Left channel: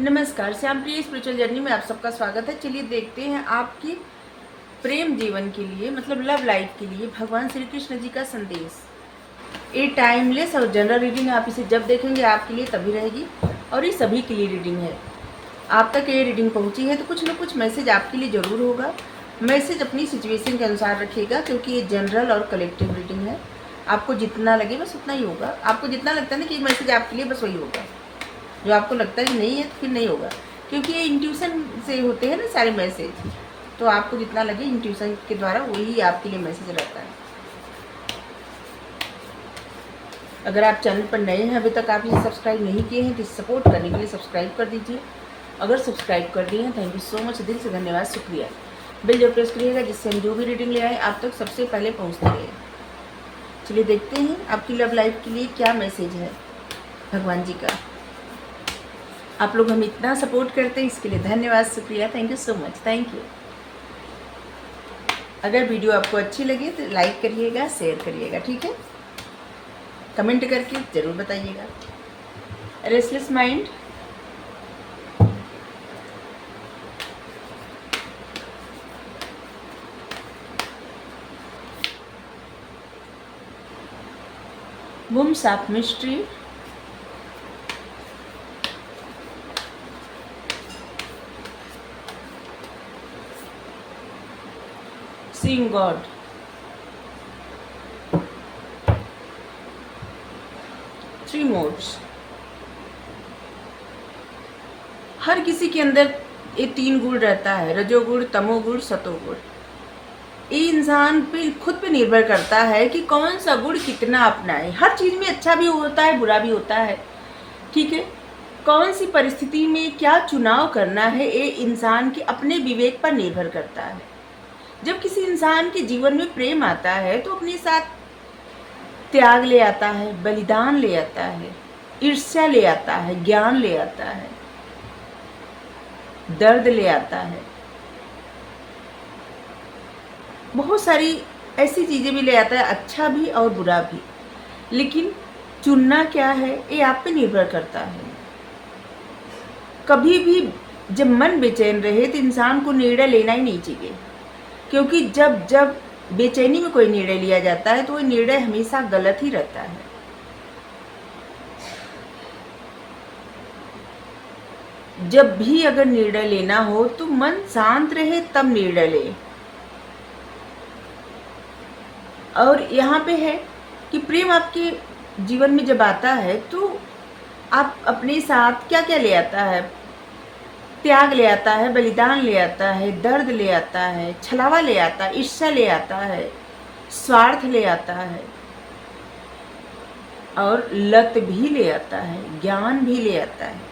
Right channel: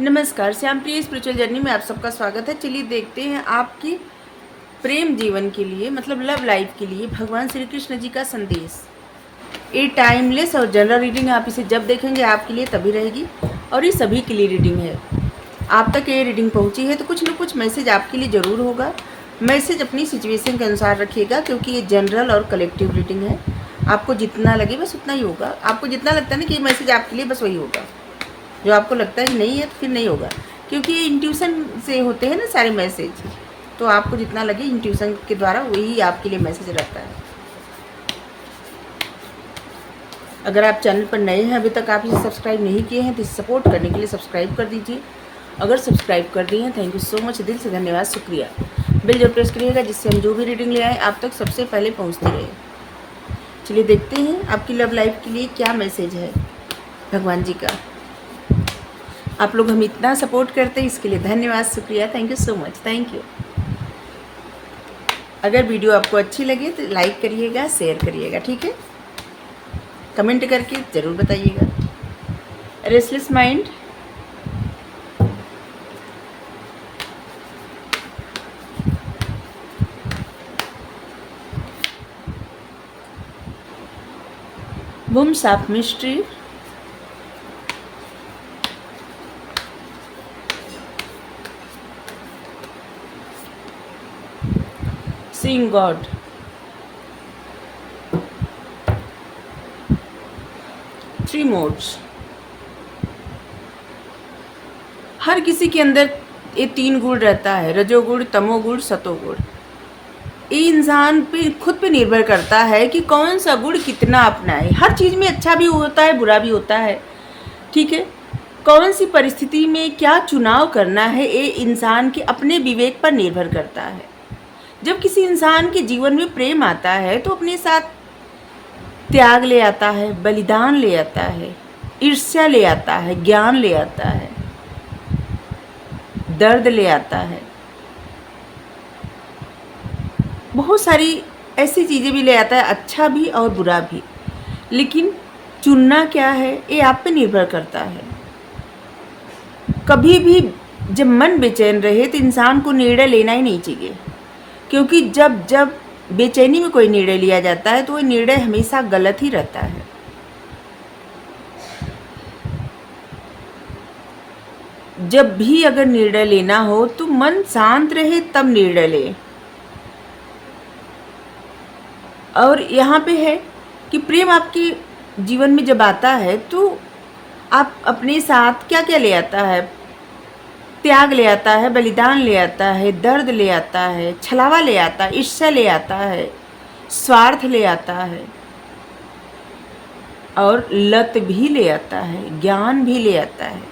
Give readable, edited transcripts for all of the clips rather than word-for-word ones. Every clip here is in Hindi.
नमस्कार, श्याम प्रिय स्पिरिचुअल जर्नी में आप सबका स्वागत है। चलिए देखते हैं आपकी प्रेम जीवन के लिए मतलब लव लाइफ के लिए भगवान श्री कृष्ण जी का संदेश। ये टाइमलेस और जनरल रीडिंग, आप इसे जब देखेंगे आपके लिए तभी रहेगी और ये सभी के लिए रीडिंग है। आप तक ये रीडिंग पहुंची है तो कुछ न कुछ मैसेज आपके लिए ज़रूर होगा। मैसेज अपनी सिचुएशन के अनुसार रखिएगा क्योंकि ये जनरल और कलेक्टिव रीडिंग है। आपको जितना लगे बस उतना ही होगा। आपको जितना लगता है ना कि ये मैसेज आपके लिए, बस वही होगा। जो आपको लगता है कि नहीं है तो फिर नहीं होगा, क्योंकि ये इंट्यूशन से होते हैं ना सारे मैसेज। तो आपको जितना लगे इंट्यूशन के द्वारा वही आपके लिए मैसेज रहता है। अगर आप चैनल पर नए हैं, अभी तक आप इसे सब्सक्राइब नहीं किए हैं तो इसे सपोर्ट करने के लिए सब्सक्राइब कर दीजिए। अगर सब्सक्राइब कर दिए हैं, थैंक यू सो मच, दिल से धन्यवाद, शुक्रिया। बेल जरूर प्रेस करिएगा जिससे हम जो भी रीडिंग ले आए आप तक सबसे पहले पहुँचती रहे। चलिए देखते हैं आपकी लव लाइफ के लिए क्या मैसेज है भगवान जी का। आप लोग हम इतना सपोर्ट करते हैं, इसके लिए धन्यवाद, शुक्रिया, thank you so much, thank you. अगर वीडियो आपको अच्छी लगे तो लाइक करिएगा, शेयर करिएगा, ठीक है। कमेंट करके ज़रूर बताइएगा। Restless mind, wombs of mystery, Seeing God, three modes. हर किसी के अंदर ये तीन गुण रहता है, रजोगुण, तमोगुण, सतोगुण। ये इंसान पे खुद पे निर्भर करता है कि कौन सा गुण कितना अपनाए। हर चीज़ में अच्छा भी होता है, बुरा भी होता है, ठीक है। कौन सी परिस्थिति में क्या चुनाव करना है ये इंसान के अपने विवेक पर निर्भर करता है। जब किसी इंसान के जीवन में प्रेम आता है तो अपने साथ त्याग ले आता है, बलिदान ले आता है, ईर्ष्या ले आता है, ज्ञान ले आता है, दर्द ले आता है, बहुत सारी ऐसी चीज़ें भी ले आता है, अच्छा भी और बुरा भी। लेकिन चुनना क्या है ये आप पे निर्भर करता है। कभी भी जब मन बेचैन रहे तो इंसान को निर्णय लेना ही नहीं चाहिए, क्योंकि जब जब बेचैनी में कोई निर्णय लिया जाता है तो वह निर्णय हमेशा गलत ही रहता है। जब भी अगर निर्णय लेना हो तो मन शांत रहे तब निर्णय ले। और यहाँ पे है कि प्रेम आपके जीवन में जब आता है तो आप अपने साथ क्या क्या ले आता है, त्याग ले आता है, बलिदान ले आता है, दर्द ले आता है, छलावा ले आता है, ईर्ष्या ले आता है, स्वार्थ ले आता है और लत भी ले आता है, ज्ञान भी ले आता है।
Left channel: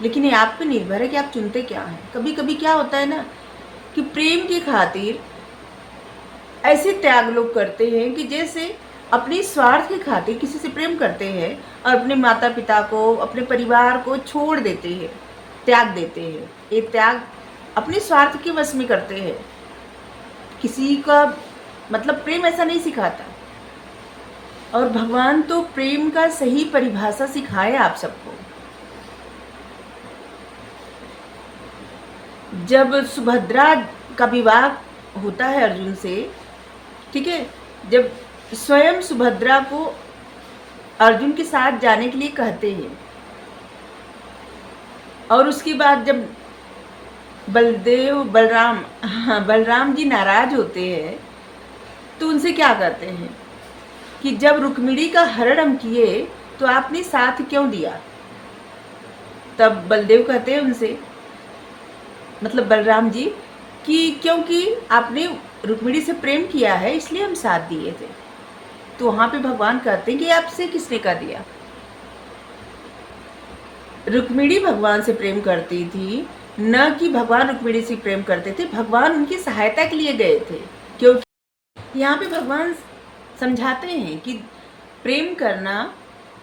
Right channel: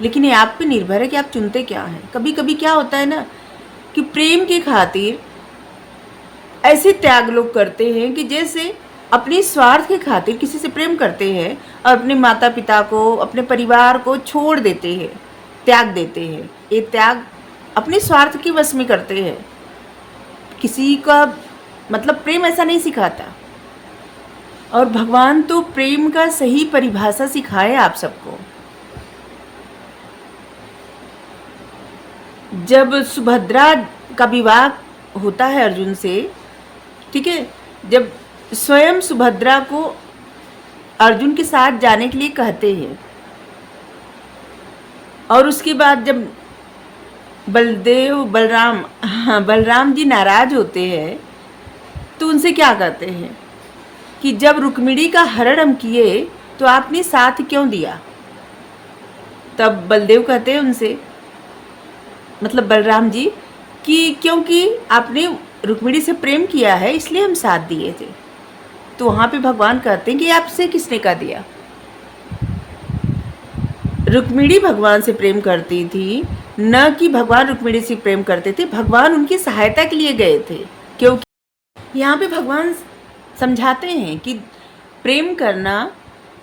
लेकिन ये आप पे निर्भर है कि आप चुनते क्या हैं। कभी कभी क्या होता है ना कि प्रेम की खातिर ऐसे त्याग लोग करते हैं कि जैसे अपने स्वार्थ के खातिर किसी से प्रेम करते हैं और अपने माता पिता को, अपने परिवार को छोड़ देते हैं, त्याग देते हैं। ये त्याग अपने स्वार्थ के वश में करते हैं। किसी का मतलब प्रेम ऐसा नहीं सिखाता। और भगवान तो प्रेम का सही परिभाषा सिखाए आप सबको। जब सुभद्रा का विवाह होता है अर्जुन से, ठीक है, जब स्वयं सुभद्रा को अर्जुन के साथ जाने के लिए कहते हैं और उसके बाद जब बलराम जी नाराज होते हैं तो उनसे क्या कहते हैं कि जब रुक्मिणी का हरण हम किए तो आपने साथ क्यों दिया। तब बलदेव कहते हैं उनसे, मतलब बलराम जी, कि क्योंकि आपने रुक्मिणी से प्रेम किया है इसलिए हम साथ दिए थे। तो वहाँ पे भगवान कहते हैं कि आपसे किसने कहा दिया। रुक्मिणी भगवान से प्रेम करती थी, न कि भगवान रुक्मिणी से प्रेम करते थे। भगवान उनकी सहायता के लिए गए थे, क्योंकि यहाँ पे भगवान समझाते हैं कि प्रेम करना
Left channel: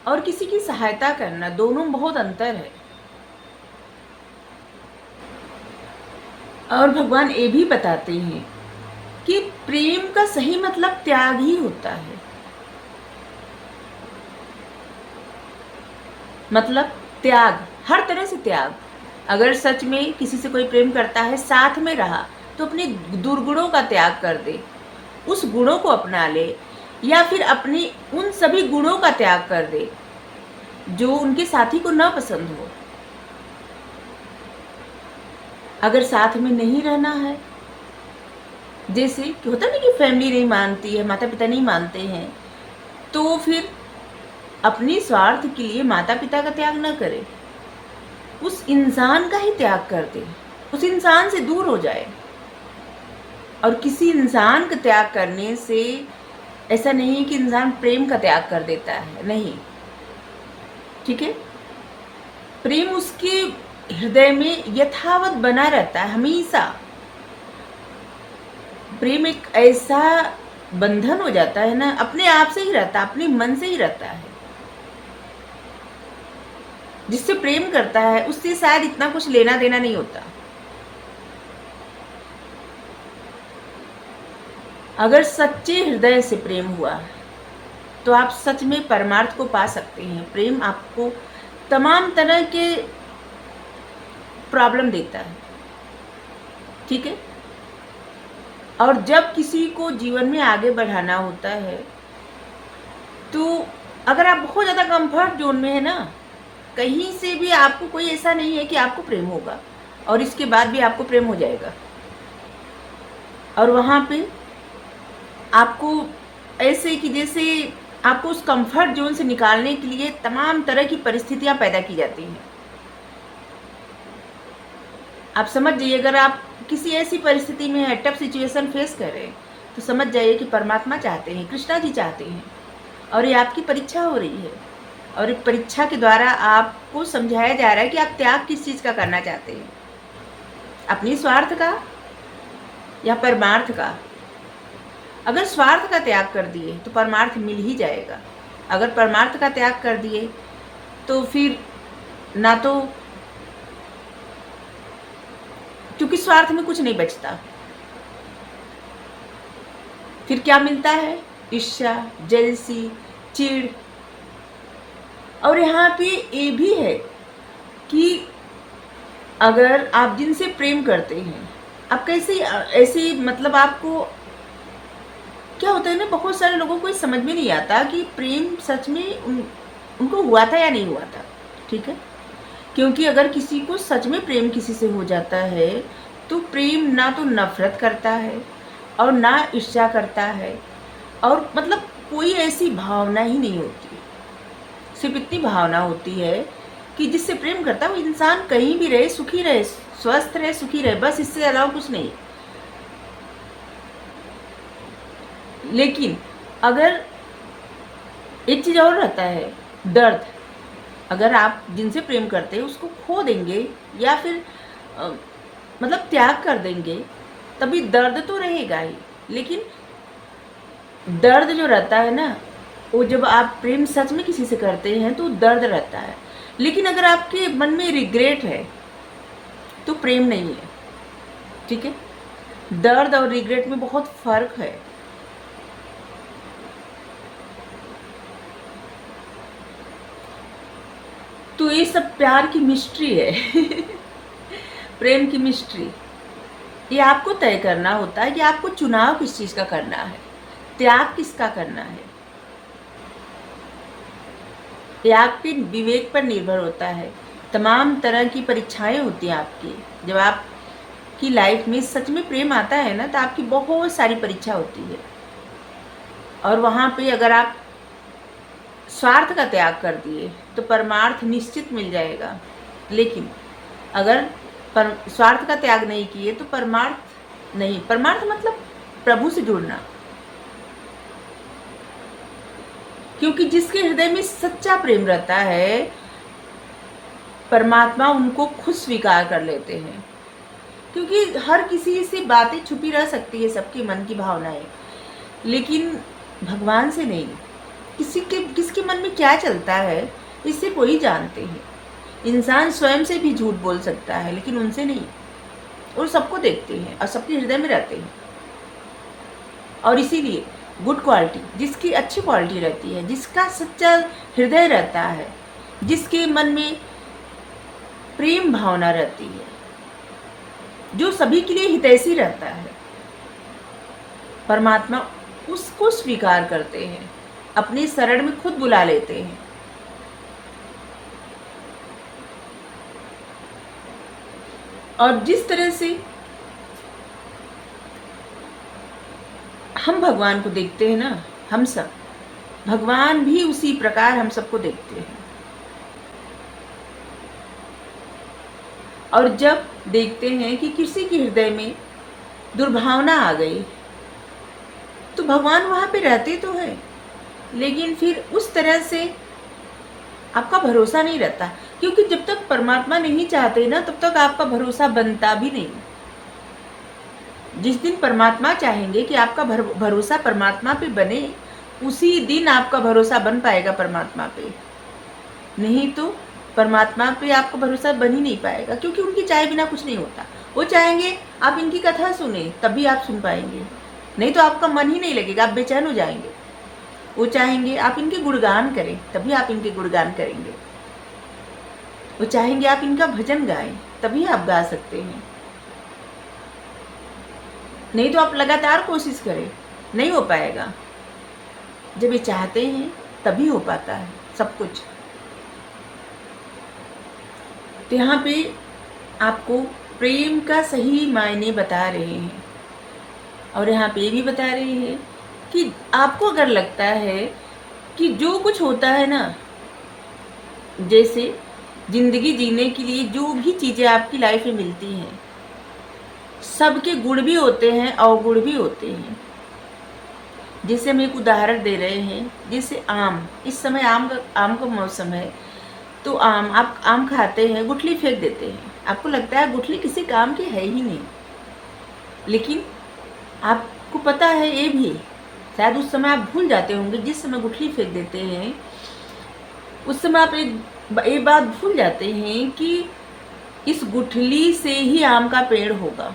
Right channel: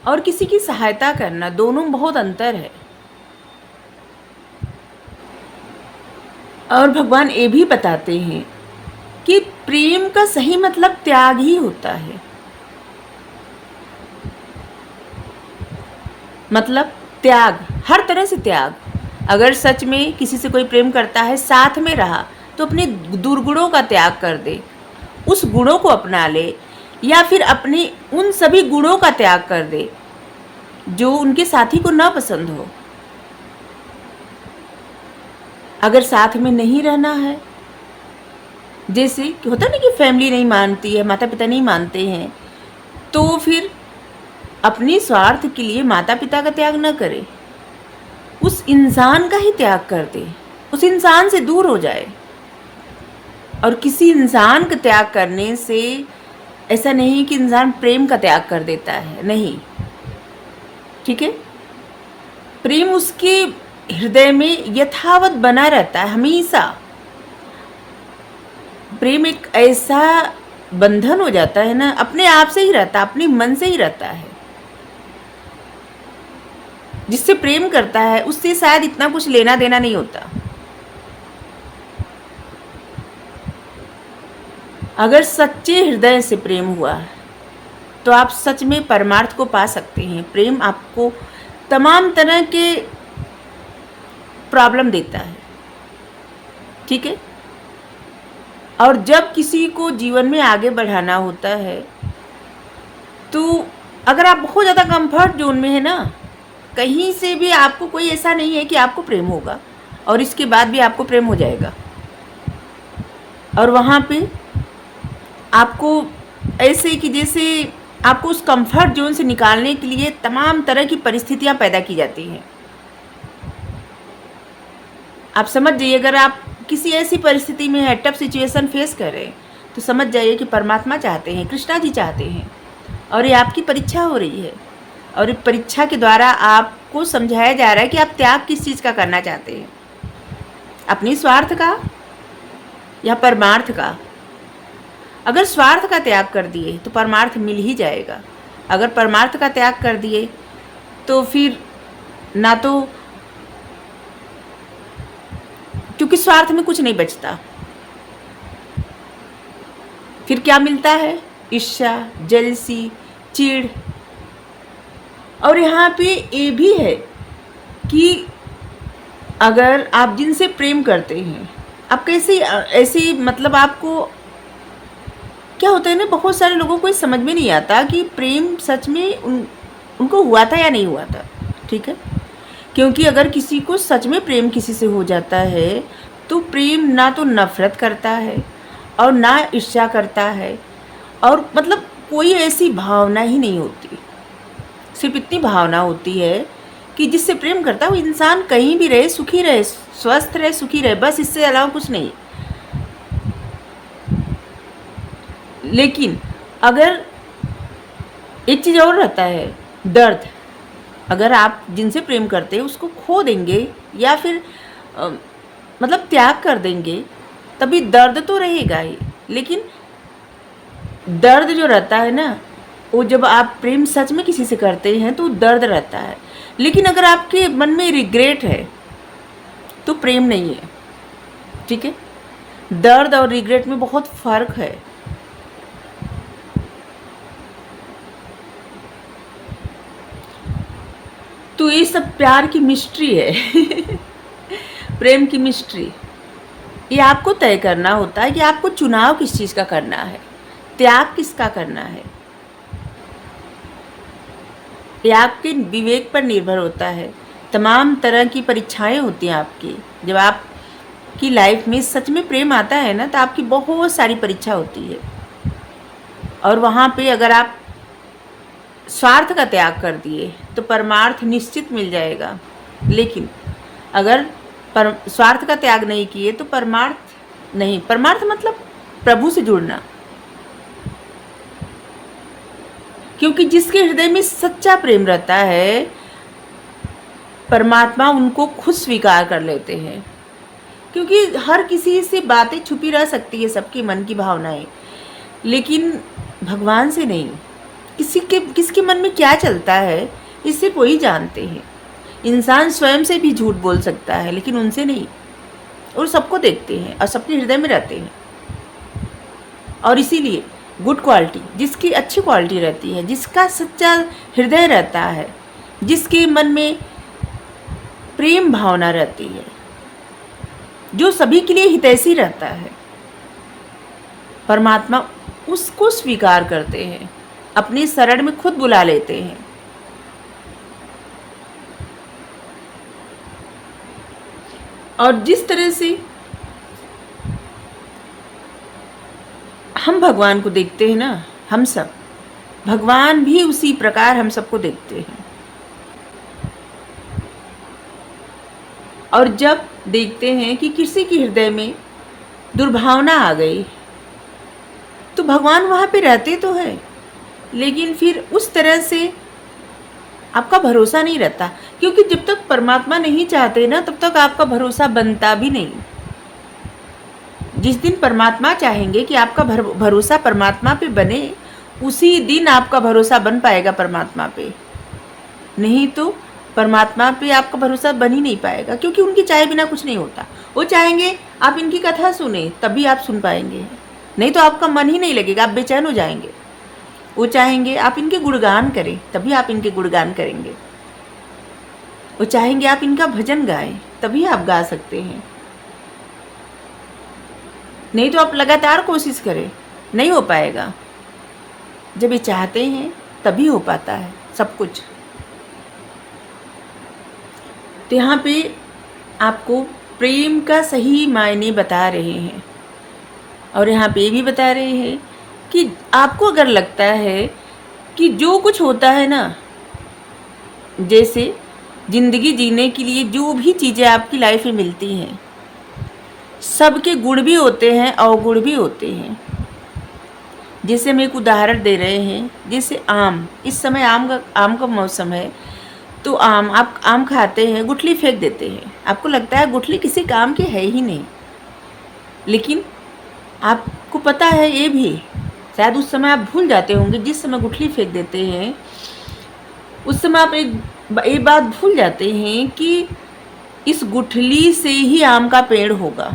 और किसी की सहायता करना दोनों में बहुत अंतर है। और भगवान ये भी बताते हैं कि प्रेम का सही मतलब त्याग ही होता है। मतलब त्याग, हर तरह से त्याग। अगर सच में किसी से कोई प्रेम करता है, साथ में रहा, तो अपने दुर्गुणों का त्याग कर दे, उस गुणों को अपना ले, या फिर अपने उन सभी गुणों का त्याग कर दे जो उनके साथी को ना पसंद हो। अगर साथ में नहीं रहना है, जैसे कि होता ना कि फैमिली नहीं मानती है, माता पिता नहीं मानते हैं, तो फिर अपने स्वार्थ के लिए माता पिता का त्याग न करे, उस इंसान का ही त्याग कर दे, उस इंसान से दूर हो जाए। और किसी इंसान का त्याग करने से ऐसा नहीं कि इंसान प्रेम का त्याग कर देता है, नहीं, ठीक है। प्रेम उसके हृदय में यथावत बना रहता है हमेशा। प्रेम एक ऐसा बंधन हो जाता है ना, अपने आप से ही रहता है, अपने मन से ही रहता है। जिससे प्रेम करता है उससे शायद इतना कुछ लेना देना नहीं होता। अगर सच्चे हृदय से प्रेम हुआ तो आप सच में परमार्थ को पा सकते हैं। प्रेम आपको तमाम तरह के प्रॉब्लम देता है, ठीक है। और जब किसी को जीवन में आगे बढ़ाना होता है, तो अगर आप बहुत ज़्यादा कंफर्ट जोन में है ना, कहीं से भी आपको कोई ऐसा नहीं है कि आपको प्रेम होगा और इसके बाद भी आपको प्रेम हो जाएगा। और वहाँ पे आपको ऐसे कि जैसे आपको उस कंफर्ट जोन से निकालने के लिए तमाम तरह की परिस्थितियाँ पैदा की जाती हैं। आप समझ जाइए, अगर आप किसी ऐसी परिस्थिति में है, टफ सिचुएशन फेस कर रहे हैं, तो समझ जाइए कि परमात्मा चाहते हैं, कृष्णा जी चाहते हैं, और ये आपकी परीक्षा हो रही है। और इस परीक्षा के द्वारा आपको समझाया जा रहा है कि आप त्याग किस चीज़ का करना चाहते हैं, अपनी स्वार्थ का या परमार्थ का। अगर स्वार्थ का त्याग कर दिए तो परमार्थ मिल ही जाएगा। अगर परमार्थ का त्याग कर दिए तो फिर ना तो, क्योंकि स्वार्थ में कुछ नहीं बचता, फिर क्या मिलता है? ईर्ष्या, जलसी, चिढ़। और यहाँ पे ये भी है कि अगर आप जिनसे प्रेम करते हैं, आप कैसे ऐसे, मतलब आपको क्या होता है ना, बहुत सारे लोगों को समझ में नहीं आता कि प्रेम सच में उनको हुआ था या नहीं हुआ था, ठीक है। क्योंकि अगर किसी को सच में प्रेम किसी से हो जाता है तो प्रेम ना तो नफरत करता है और ना ईर्ष्या करता है, और मतलब कोई ऐसी भावना ही नहीं होती। सिर्फ इतनी भावना होती है कि जिससे प्रेम करता है वो इंसान कहीं भी रहे, सुखी रहे, स्वस्थ रहे, सुखी रहे, बस इससे अलावा कुछ नहीं। लेकिन अगर एक चीज़ और रहता है, दर्द। अगर आप जिनसे प्रेम करते हैं उसको खो देंगे या फिर मतलब त्याग कर देंगे, तभी दर्द तो रहेगा ही। लेकिन दर्द जो रहता है ना, वो जब आप प्रेम सच में किसी से करते हैं तो दर्द रहता है। लेकिन अगर आपके मन में रिग्रेट है तो प्रेम नहीं है, ठीक है। दर्द और रिग्रेट में बहुत फर्क है। तो ये सब प्यार की मिस्ट्री है प्रेम की मिस्ट्री। ये आपको तय करना होता है कि आपको चुनाव किस चीज़ का करना है, त्याग किसका करना है। ये आपके विवेक पर निर्भर होता है। तमाम तरह की परीक्षाएं होती हैं आपकी। जब आपकी लाइफ में सच में प्रेम आता है ना, तो आपकी बहुत सारी परीक्षा होती है। और वहाँ पे अगर आप स्वार्थ का त्याग कर दिए तो परमार्थ निश्चित मिल जाएगा। लेकिन अगर स्वार्थ का त्याग नहीं किए तो परमार्थ नहीं। परमार्थ मतलब प्रभु से जुड़ना, क्योंकि जिसके हृदय में सच्चा प्रेम रहता है, परमात्मा उनको खुद स्वीकार कर लेते हैं। क्योंकि हर किसी से बातें छुपी रह सकती है, सबके मन की भावनाएं, लेकिन भगवान से नहीं। किसके मन में क्या चलता है इससे कोई जानते हैं। इंसान स्वयं से भी झूठ बोल सकता है, लेकिन उनसे नहीं। और सबको देखते हैं और सबके हृदय में रहते हैं। और इसीलिए गुड क्वालिटी, जिसकी अच्छी क्वालिटी रहती है, जिसका सच्चा हृदय रहता है, जिसके मन में प्रेम भावना रहती है, जो सभी के लिए हितैषी रहता है। परमात्मा उसको स्वीकार करते हैं, अपनी शरण में खुद बुला लेते हैं। और जिस तरह से हम भगवान को देखते हैं ना, हम सब, भगवान भी उसी प्रकार हम सबको देखते हैं। और जब देखते हैं कि किसी के हृदय में दुर्भावना आ गई, तो भगवान वहाँ पे रहते तो है, लेकिन फिर उस तरह से आपका भरोसा नहीं रहता, क्योंकि जब तक परमात्मा नहीं चाहते ना, तब तक आपका भरोसा बनता भी नहीं। जिस दिन परमात्मा चाहेंगे कि आपका भरोसा परमात्मा पे बने, उसी दिन आपका भरोसा बन पाएगा परमात्मा पे। नहीं तो परमात्मा पे आपका भरोसा बन ही नहीं पाएगा, क्योंकि उनकी चाहे बिना कुछ नहीं होता। वो चाहेंगे आप इनकी कथा सुने, तभी आप सुन पाएंगे, नहीं तो आपका मन ही नहीं लगेगा, आप बेचैन हो जाएंगे। वो चाहेंगे आप इनके गुणगान करें, तभी आप इनके गुणगान करेंगे। वो चाहेंगे आप इनका भजन गाएं, तभी आप गा सकते हैं, नहीं तो आप लगातार कोशिश करें, नहीं हो पाएगा। जब ये चाहते हैं तभी हो पाता है सब कुछ। तो यहाँ पे आपको प्रेम का सही मायने बता रहे हैं, और यहाँ पे भी बता रहे हैं कि आपको अगर लगता है कि जो कुछ होता है ना, जैसे जिंदगी जीने के लिए जो भी चीज़ें आपकी लाइफ में मिलती हैं, सबके गुण भी होते हैं, अवगुण भी होते हैं। जैसे हम एक उदाहरण दे रहे हैं, जैसे आम, इस समय आम का मौसम है, तो आप आम खाते हैं, गुठली फेंक देते हैं। आपको लगता है गुठली किसी काम की है ही नहीं, लेकिन आपको पता है ये भी, शायद उस समय आप भूल जाते होंगे, जिस समय गुठली फेंक देते हैं उस समय आप एक बात भूल जाते हैं कि इस गुठली से ही आम का पेड़ होगा।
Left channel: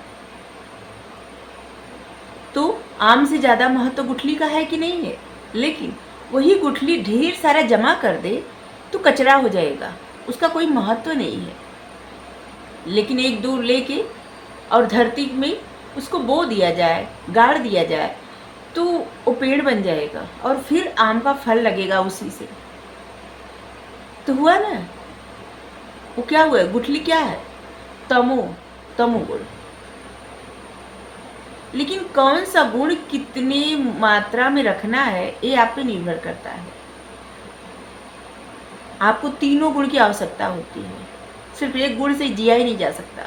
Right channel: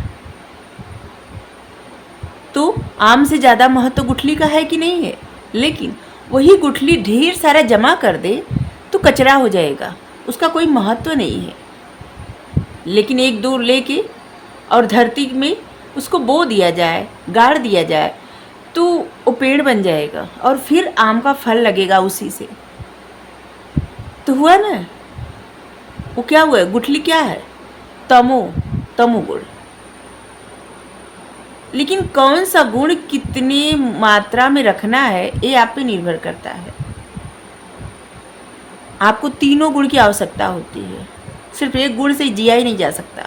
तो आम से ज़्यादा महत्व गुठली का है कि नहीं है, लेकिन वही गुठली ढेर सारा जमा कर दे तो कचरा हो जाएगा, उसका कोई महत्व नहीं है। लेकिन एक दो लेके और धरती में उसको बो दिया जाए, गाड़ दिया जाए, तो वो पेड़ बन जाएगा और फिर आम का फल लगेगा उसी से। तो हुआ ना, वो क्या हुआ, गुठली क्या है, तमोगुण। लेकिन कौन सा गुण कितनी मात्रा में रखना है ये आप पे निर्भर करता है। आपको तीनों गुण की आवश्यकता होती है, सिर्फ एक गुण से जिया ही नहीं जा सकता।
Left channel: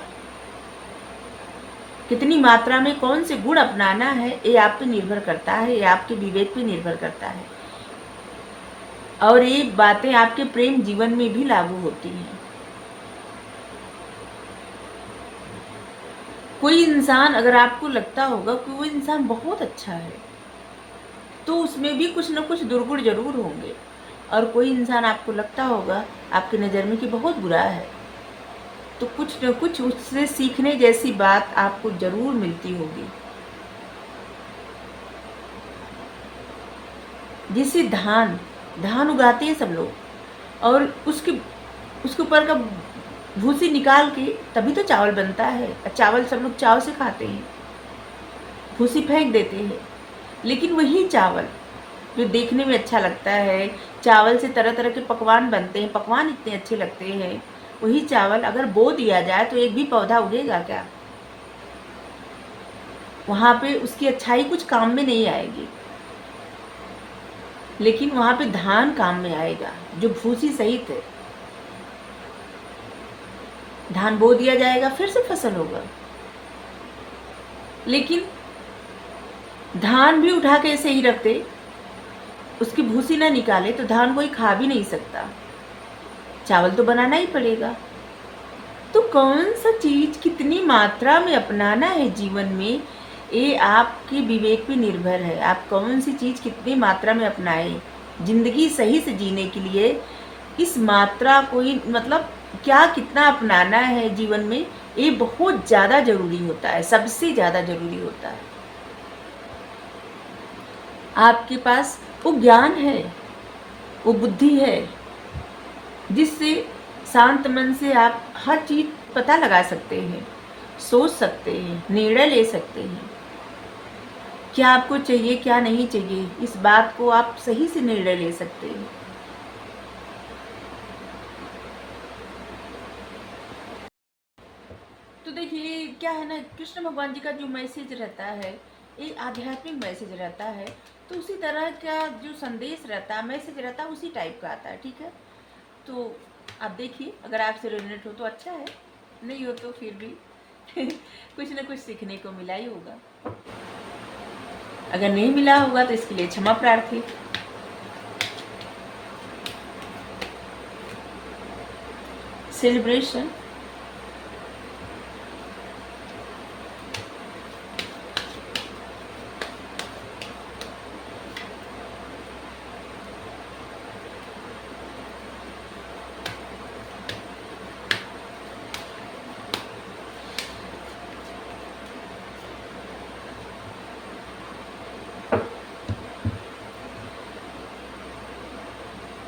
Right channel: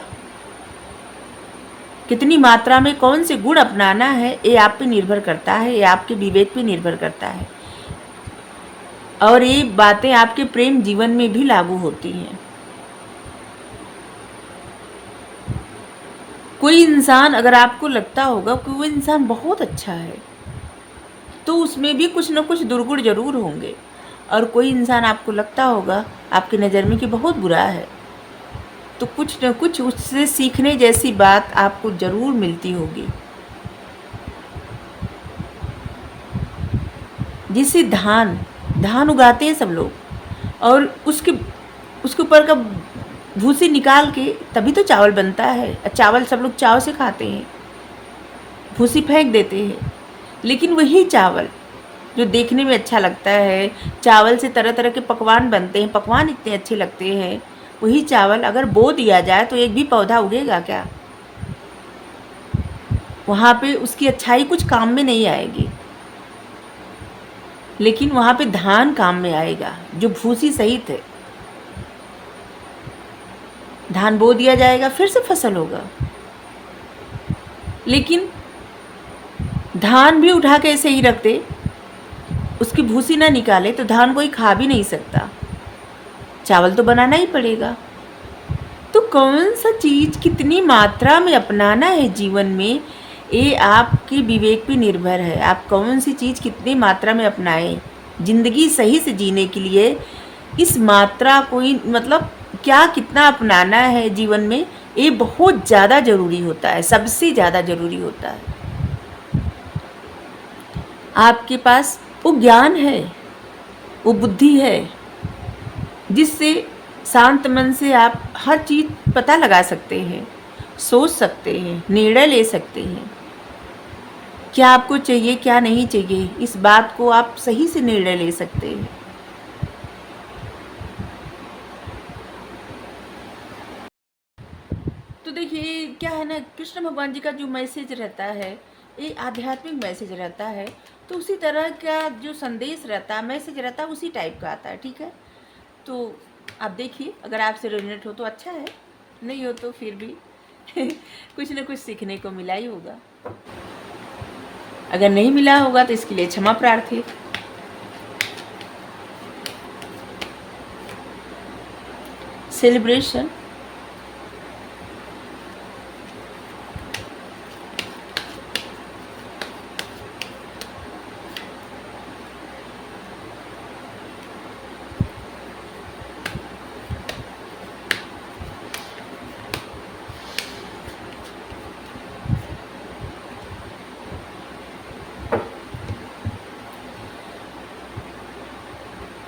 कितनी मात्रा में कौन से गुण अपनाना है ये आप पे निर्भर करता है, ये आपके विवेक पे निर्भर करता है। और ये बातें आपके प्रेम जीवन में भी लागू होती हैं। कोई इंसान, अगर आपको लगता होगा कि वो इंसान बहुत अच्छा है, तो उसमें भी कुछ न कुछ दुर्गुण जरूर होंगे। और कोई इंसान आपको लगता होगा आपकी नज़र में कि बहुत बुरा है, तो कुछ न कुछ उससे सीखने जैसी बात आपको जरूर मिलती होगी। जिसे धान उगाते हैं सब लोग, और उसके ऊपर का भूसी निकाल के तभी तो चावल बनता है। चावल सब लोग चाव से खाते हैं, भूसी फेंक देते हैं। लेकिन वही चावल जो देखने में अच्छा लगता है, चावल से तरह तरह के पकवान बनते हैं, पकवान इतने अच्छे लगते हैं, वही चावल अगर बो दिया जाए तो एक भी पौधा उगेगा क्या? वहाँ पे उसकी अच्छाई कुछ काम में नहीं आएगी। लेकिन वहाँ पे धान काम में आएगा, जो भूसी सहित है। धान बो दिया जाएगा, फिर से फसल होगा। लेकिन धान भी उठा के ऐसे ही रख दे, उसकी भूसी ना निकाले, तो धान कोई खा भी नहीं सकता, चावल तो बनाना ही पड़ेगा। तो कौन सा चीज़ कितनी मात्रा में अपनाना है जीवन में, ये आपके विवेक पे निर्भर है। आप कौन सी चीज़ कितनी मात्रा में अपनाएं जिंदगी सही से जीने के लिए। इस मात्रा को ही, मतलब क्या कितना अपनाना है जीवन में, ये बहुत ज़्यादा ज़रूरी होता है, सबसे ज़्यादा ज़रूरी होता है। आपके पास वो ज्ञान है, वो बुद्धि है, जिससे शांत मन से आप हर चीज़ पता लगा सकते हैं, सोच सकते हैं, निर्णय ले सकते हैं। क्या आपको चाहिए, क्या नहीं चाहिए, इस बात को आप सही से निर्णय ले सकते हैं। तो देखिए क्या है ना, कृष्ण भगवान जी का जो मैसेज रहता है, ये आध्यात्मिक मैसेज रहता है, तो उसी तरह का जो संदेश रहता है, मैसेज रहता है, उसी टाइप का आता है। ठीक है, तो आप देखिए, अगर आपसे रेजोनेट हो तो अच्छा है, नहीं हो तो फिर भी कुछ ना कुछ सीखने को मिला ही होगा। अगर नहीं मिला होगा तो इसके लिए क्षमा प्रार्थी। सेलिब्रेशन।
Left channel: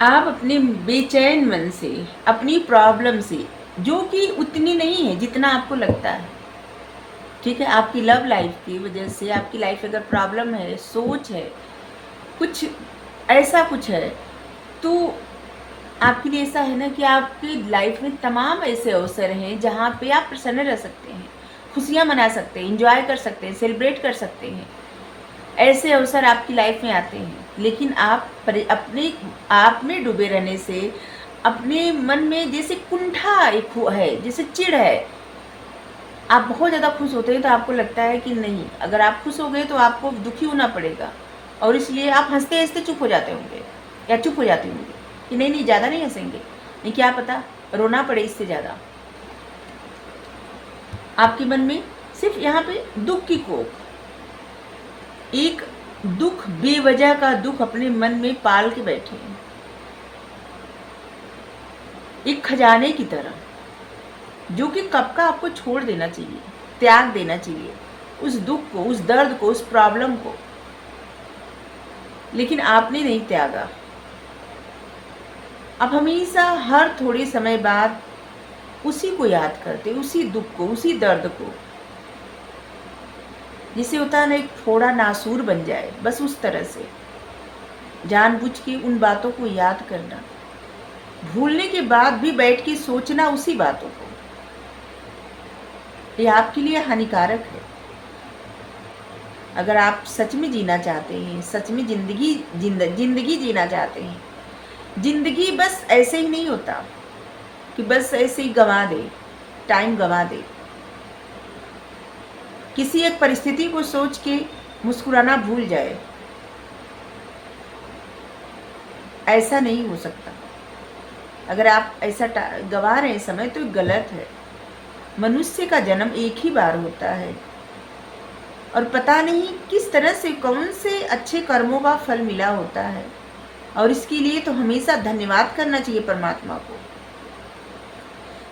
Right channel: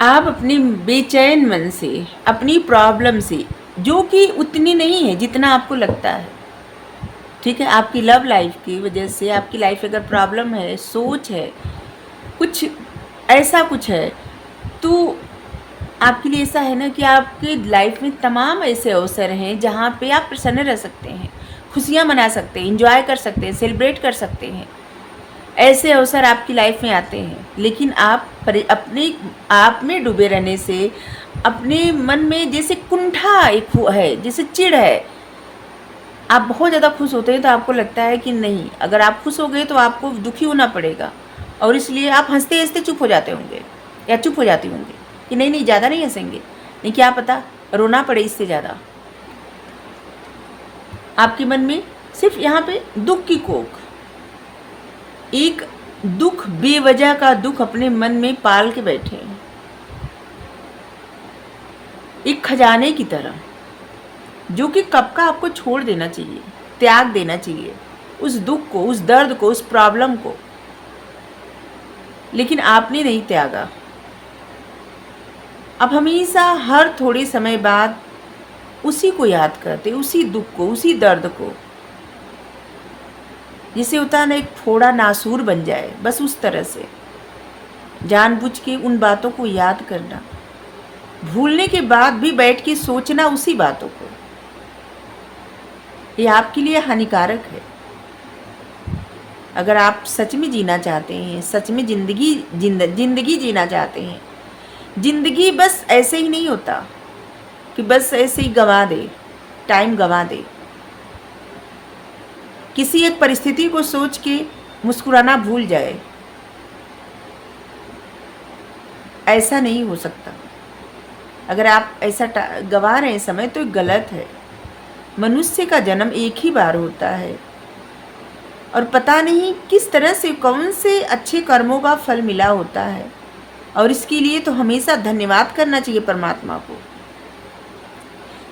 आप अपने बेचैन मन से, अपनी प्रॉब्लम से, जो कि उतनी नहीं है जितना आपको लगता है, ठीक है, आपकी लव लाइफ की वजह से, आपकी लाइफ अगर प्रॉब्लम है, सोच है, कुछ ऐसा कुछ है, तो आपके लिए ऐसा है ना कि आपकी लाइफ में तमाम ऐसे अवसर हैं जहाँ पे आप प्रसन्न रह सकते हैं, खुशियाँ मना सकते हैं, इंजॉय कर सकते हैं, सेलिब्रेट कर सकते हैं। ऐसे अवसर आपकी लाइफ में आते हैं, लेकिन आप अपने आप में डूबे रहने से, अपने मन में जैसे कुंठा एक है, जैसे चिढ़ है, आप बहुत ज़्यादा खुश होते हैं तो आपको लगता है कि नहीं, अगर आप खुश हो गए तो आपको दुखी होना पड़ेगा, और इसलिए आप हंसते हंसते चुप हो जाते होंगे या चुप हो जाती होंगी कि नहीं नहीं, ज़्यादा नहीं हंसेंगे, नहीं क्या पता रोना पड़े इससे ज़्यादा। आपके मन में सिर्फ यहाँ पे दुख की कोख, एक दुख, बेवजह का दुख अपने मन में पाल के बैठे हैं, एक खजाने की तरह, जो कि कब का आपको छोड़ देना चाहिए, त्याग देना चाहिए उस दुख को, उस दर्द को, उस प्रॉब्लम को, लेकिन आपने नहीं त्यागा। अब हमेशा हर थोड़े समय बाद उसी को याद करते, उसी दुख को, उसी दर्द को, जिसे होता है ना एक थोड़ा नासूर बन जाए, बस उस तरह से जानबूझ के उन बातों को याद करना, भूलने के बाद भी बैठ के सोचना उसी बातों को, ये आपके लिए हानिकारक है। अगर आप सच में जीना चाहते हैं, सच में जिंदगी जीना चाहते हैं, जिंदगी बस ऐसे ही नहीं होता कि बस ऐसे ही गंवा दे, टाइम गंवा दे, किसी एक परिस्थिति को सोच के मुस्कुराना भूल जाए, ऐसा नहीं हो सकता। अगर आप ऐसा गंवा रहे हैं समय तो गलत है। मनुष्य का जन्म एक ही बार होता है, और पता नहीं किस तरह से, कौन से अच्छे कर्मों का फल मिला होता है, और इसके लिए तो हमेशा धन्यवाद करना चाहिए परमात्मा को।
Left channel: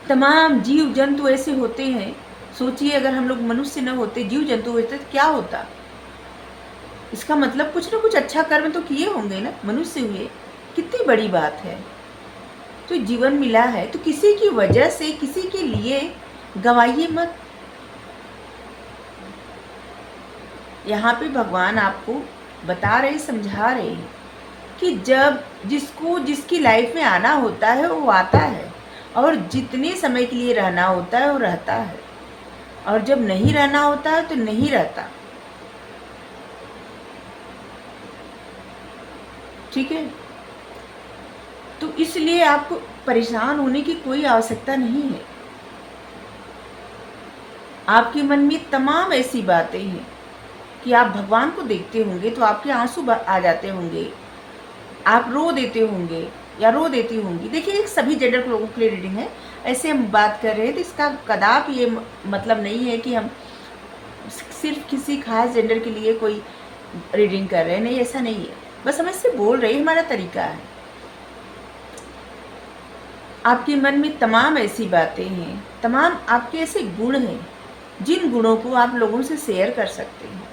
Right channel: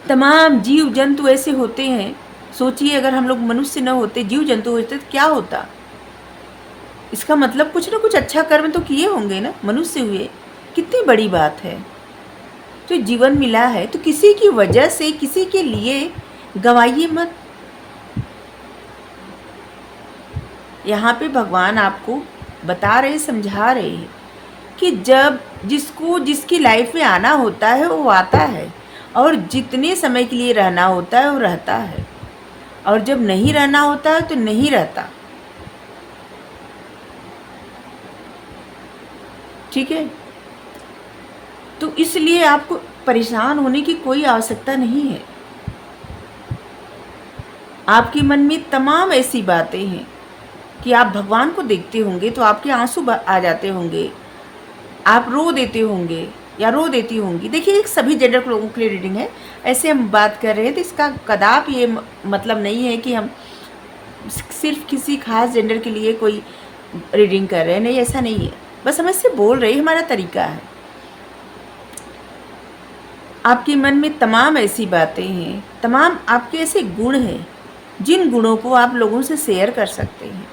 तमाम जीव जंतु ऐसे होते हैं, सोचिए अगर हम लोग मनुष्य न होते, जीव जंतु होते तो क्या होता। इसका मतलब कुछ ना कुछ अच्छा कर्म तो किए होंगे ना, मनुष्य हुए, कितनी बड़ी बात है। तो जीवन मिला है तो किसी की वजह से, किसी के लिए गंवाइए मत। यहाँ पे भगवान आपको बता रहे, समझा रहे हैं कि जब जिसको जिसकी लाइफ में आना होता है वो आता है, और जितने समय के लिए रहना होता है वो रहता है, और जब नहीं रहना होता है तो नहीं रहता। ठीक है, तो इसलिए आपको परेशान होने की कोई आवश्यकता नहीं है। आपके मन में तमाम ऐसी बातें हैं कि आप भगवान को देखते होंगे तो आपके आंसू आ जाते होंगे, आप रो देते होंगे या रो देती होंगी। देखिए, एक सभी जेंडर लोगों के लिए रीडिंग है, ऐसे हम बात कर रहे हैं तो इसका कदापि ये मतलब नहीं है कि हम सिर्फ किसी खास जेंडर के लिए कोई रीडिंग कर रहे हैं, नहीं, ऐसा नहीं है। बस हम इससे बोल रहे हैं, हमारा तरीका है। आपके मन में तमाम ऐसी बातें हैं, तमाम आपके ऐसे गुण हैं जिन गुणों को आप लोगों से शेयर कर सकते हैं।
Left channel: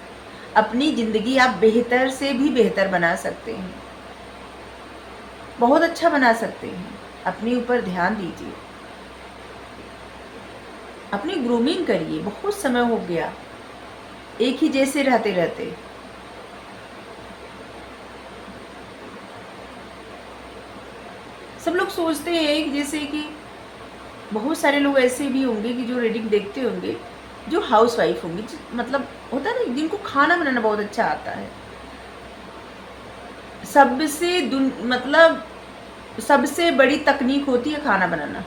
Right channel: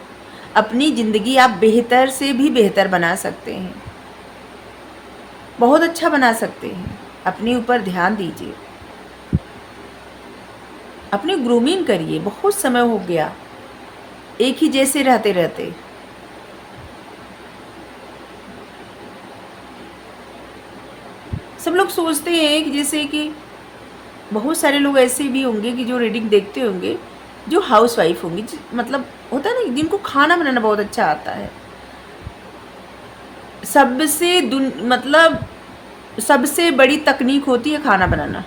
अपनी ज़िंदगी आप बेहतर से भी बेहतर बना सकते हैं, बहुत अच्छा बना सकते हैं। अपने ऊपर ध्यान दीजिए। अपनी ग्रूमिंग करिए। बहुत समय हो गया एक ही जैसे रहते रहते। सब लोग सोचते हैं कि जैसे कि बहुत सारे लोग ऐसे भी होंगे कि जो रीडिंग देखते होंगे, जो हाउस वाइफ होंगी, मतलब होता है ना, जिनको खाना बनाना बहुत अच्छा आता है। मतलब सबसे बड़ी तकनीक होती है खाना बनाना।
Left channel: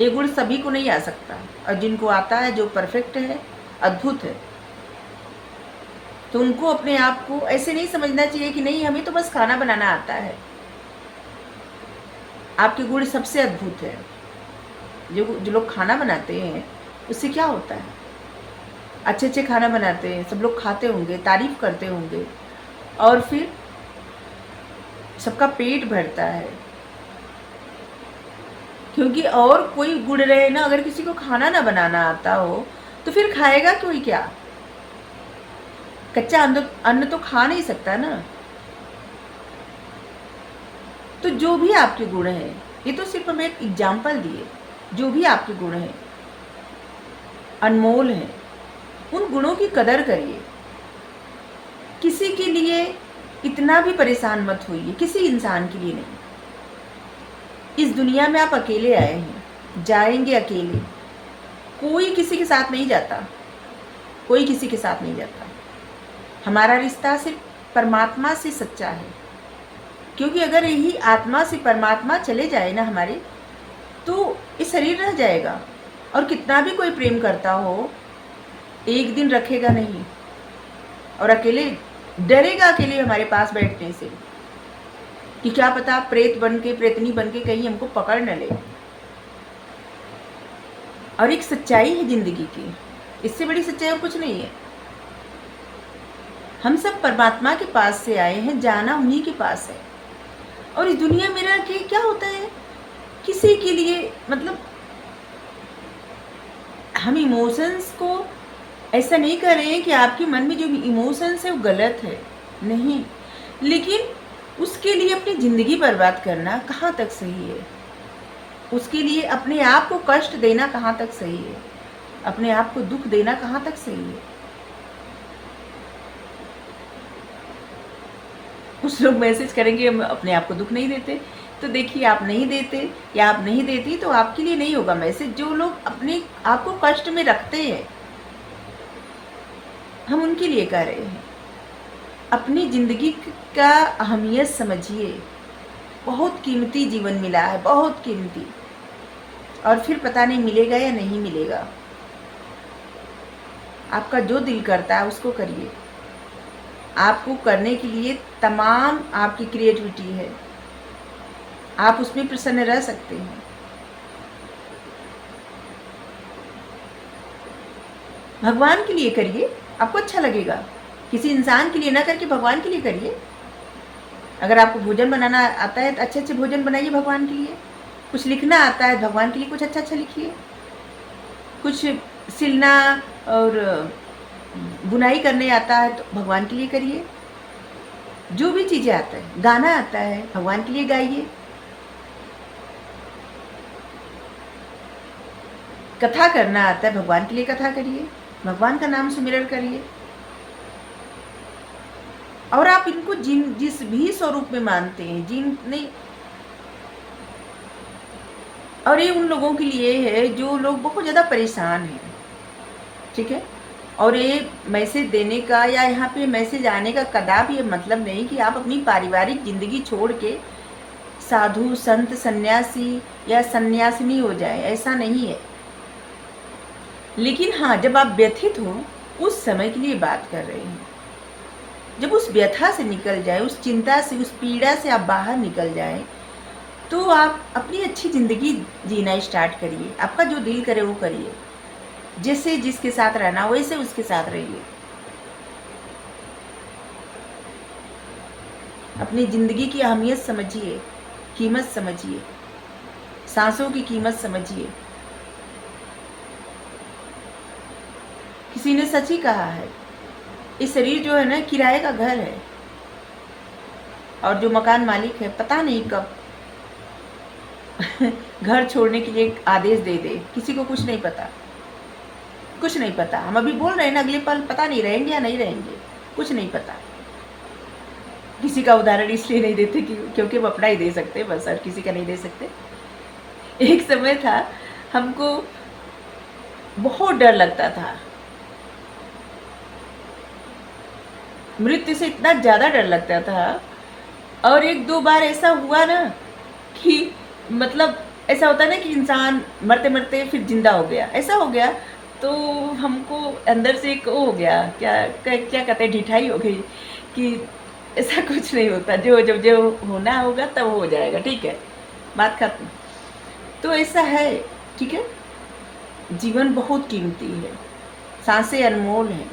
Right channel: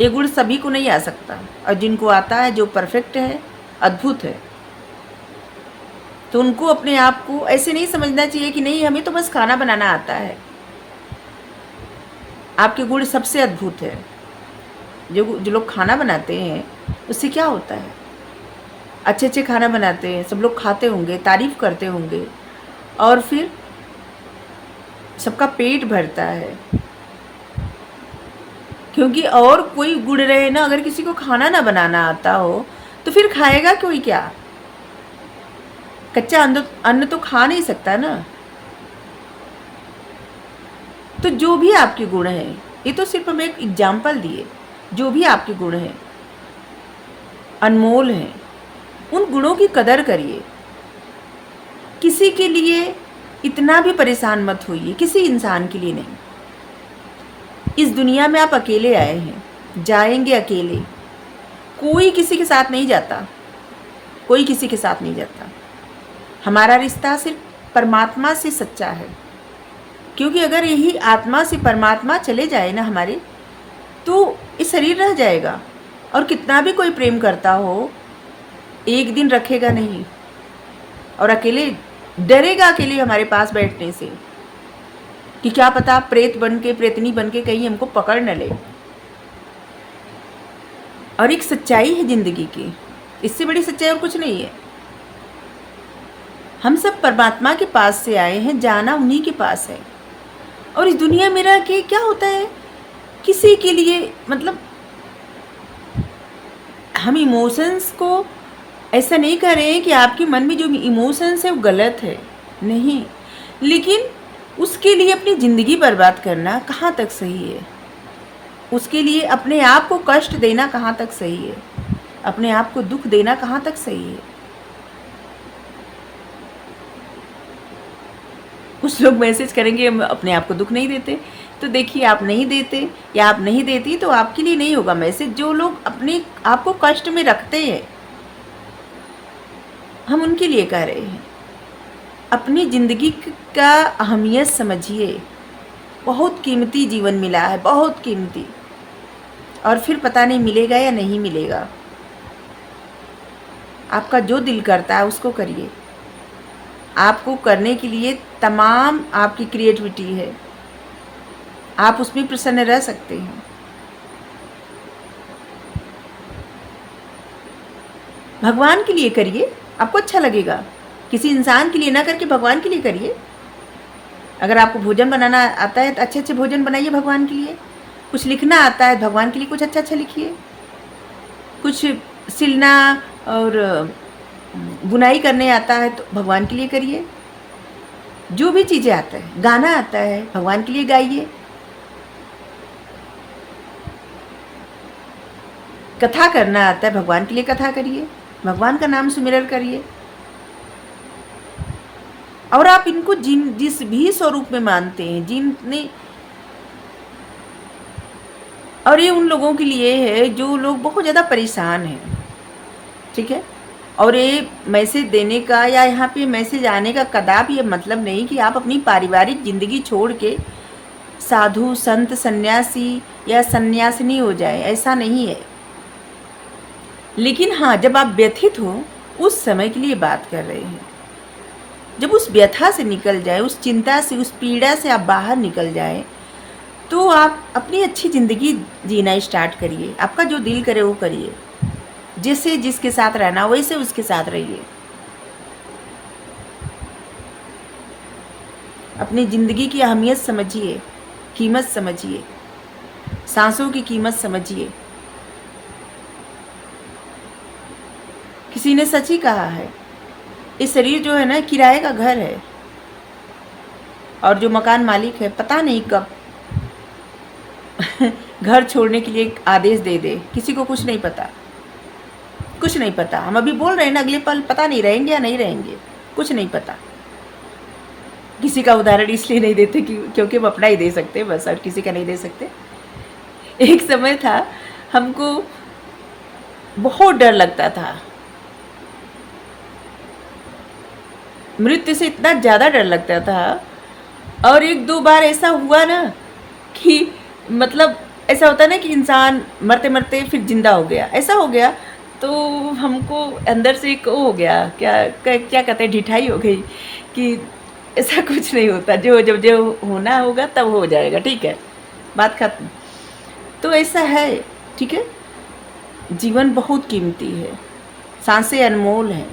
ये गुण सभी को नहीं आ सकता, और जिनको आता है, जो परफेक्ट है, अद्भुत है, तो उनको अपने आप को ऐसे नहीं समझना चाहिए कि नहीं हमें तो बस खाना बनाना आता है। आपके गुण सबसे अद्भुत है। जो लोग खाना बनाते हैं उससे क्या होता है, अच्छे अच्छे खाना बनाते हैं, सब लोग खाते होंगे, तारीफ करते होंगे, और फिर सबका पेट भरता है। क्योंकि और कोई गुण रहे ना, अगर किसी को खाना ना बनाना आता हो तो फिर खाएगा कोई क्या? कच्चा अन्न तो खा नहीं सकता ना। तो जो भी आपके गुण हैं, ये तो सिर्फ हमें एक एग्जाम्पल दिए, जो भी आपके गुण हैं अनमोल हैं, उन गुणों की कदर करिए। किसी के लिए इतना भी परेशान मत होइए, किसी इंसान के लिए नहीं। इस दुनिया में आप अकेले आए हैं, जाएंगे अकेले। कोई किसी के साथ नहीं जाता, कोई किसी के साथ नहीं जाता। हमारा रिश्ता सिर्फ परमात्मा से सच्चा है, क्योंकि अगर यही आत्मा से परमात्मा चले जाए ना हमारे, तो ये शरीर रह जाएगा। और कितना भी कोई प्रेम करता हो, एक दिन रखेगा नहीं, और अकेले डरेगा अकेले हमारे पास बैठने से, कि क्या पता प्रेत बन के, प्रेतनी बन के कहीं हमको पकड़ न ले। और एक सच्चाई है जिंदगी की, इससे बड़ी सच्चाई और कुछ नहीं है। हम सब परमात्मा के पास से आए हैं, जाना उन्हीं के पास है। और इस दुनिया में रह के क्या होता है, किसी के लिए मतलब हम इमोशंस को ऐसा नहीं कर रहे हैं कि आपके मन में जो इमोशंस है वो गलत है, नहीं, लेकिन उसके लिए अपनी ज़िंदगी बर्बाद करना कहाँ तक सही है? उसके लिए अपने आप को कष्ट देना कहाँ तक सही है? अपने आप को दुख देना कहाँ तक सही है? कुछ लोग मैसेज करेंगे हम अपने आप को दुख नहीं देते, तो देखिए आप नहीं देते या आप नहीं देती तो आपके लिए नहीं होगा मैसेज। जो लोग अपने आप को कष्ट में रखते हैं, हम उनके लिए कह रहे हैं। अपनी ज़िंदगी का अहमियत समझिए। बहुत कीमती जीवन मिला है, बहुत कीमती, और फिर पता नहीं मिलेगा या नहीं मिलेगा। आपका जो दिल करता है उसको करिए। आपको करने के लिए तमाम आपकी क्रिएटिविटी है, आप उसमें प्रसन्न रह सकते हैं। भगवान के लिए करिए, आपको अच्छा लगेगा। किसी इंसान के लिए ना करके भगवान के लिए करिए। अगर आपको भोजन बनाना आता है तो अच्छे अच्छे भोजन बनाइए भगवान के लिए। कुछ लिखना आता है भगवान के लिए कुछ अच्छा अच्छा लिखिए। कुछ सिलना और बुनाई करने आता है तो भगवान के लिए करिए। जो भी चीज़ें आता है, गाना आता है भगवान के लिए गाइए। कथा करना आता है भगवान के लिए कथा करिए, भगवान का नाम सुमिरन करिए। और आप इनको जिस भी स्वरूप में मानते हैं, जिनने, और ये उन लोगों के लिए है जो लोग बहुत ज़्यादा परेशान हैं, ठीक है। और ये मैसेज देने का या यहाँ पे मैसेज आने का कदापि ये मतलब नहीं कि आप अपनी पारिवारिक ज़िंदगी छोड़ के साधु संत सन्यासी या सन्यासिनी हो जाए, ऐसा नहीं है। लेकिन हाँ, जब आप व्यथित हो उस समय के लिए बात कर रहे हैं। जब उस व्यथा से निकल जाए, उस चिंता से, उस पीड़ा से आप बाहर निकल जाए, तो आप अपनी अच्छी ज़िंदगी जीना स्टार्ट करिए। आपका जो दिल करे वो करिए। जैसे जिसके साथ रहना वैसे उसके साथ रहिए। अपनी ज़िंदगी की अहमियत समझिए, कीमत समझिए, सांसों की कीमत समझिए। किसी ने सच ही कहा है, ये शरीर जो है ना किराए का घर है, और जो मकान मालिक है पता नहीं कब घर छोड़ने के लिए एक आदेश दे दे, किसी को कुछ नहीं पता, कुछ नहीं पता। हम अभी बोल रहे हैं ना, अगले पल पता नहीं रहेंगे या नहीं रहेंगे, कुछ नहीं पता। किसी का उदाहरण इसलिए नहीं देते क्योंकि हम अपना ही दे सकते बस, और किसी का नहीं दे सकते। एक समय था हमको बहुत डर लगता था, मृत्यु से इतना ज़्यादा डर लगता था। और एक दो बार ऐसा हुआ ना कि मतलब ऐसा होता है ना कि इंसान मरते मरते फिर जिंदा हो गया, ऐसा हो गया। तो हमको अंदर से एक हो गया, क्या कहते हैं, ढिठाई हो गई कि ऐसा कुछ नहीं होता, जो होना होगा तब हो जाएगा, ठीक है, बात खत्म। तो ऐसा है, ठीक है। जीवन बहुत कीमती है, सांसें अनमोल हैं।